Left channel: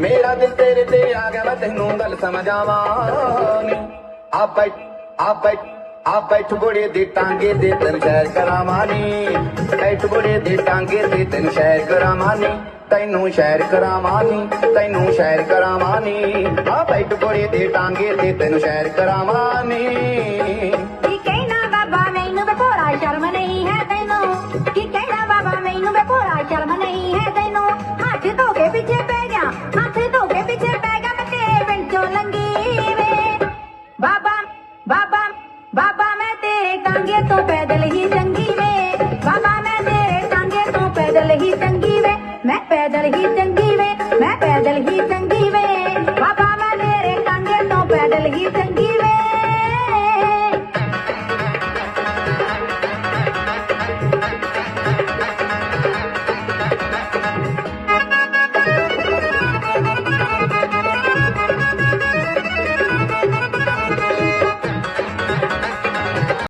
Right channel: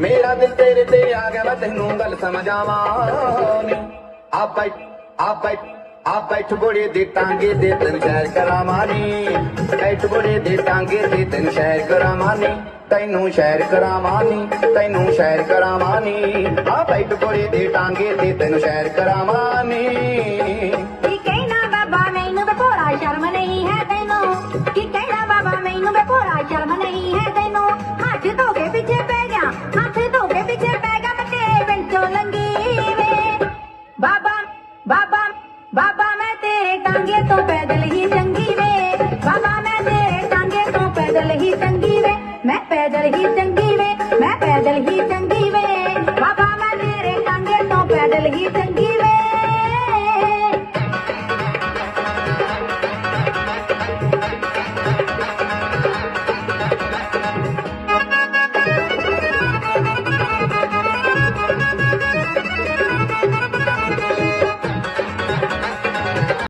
मेरा दिल तेरे ते आ गया मैं तेनू गल समझावा नी आप बैठ बुढ़े दे टांगे दे तेन सैर करावानी बैठ बुढ़े दे टांगे दे तेन सैर करावानी तैनू सैर करावानी तैनू सैर करावानी आ बैठ बुढ़े दे टांगे दे तेन सैर करावानी कहना बाबा मैनू बेभोला शर्म नहीं है तैनू की कहना बाबा मैनू बेभोला शर्म नहीं है तैनू हाथ धो के पीछे पै गया हाथ धो के पीछे पै गया मैं तेरे बिचों लंगी वे बाबा बाबा बाबा मैं तेरे टांगे तो पैदल ही चंगी वे बाबा मैं तेरे टांगे तो पैदल ही चंगी वे मैं पैदल ही चंगी वे मैं पैदल ही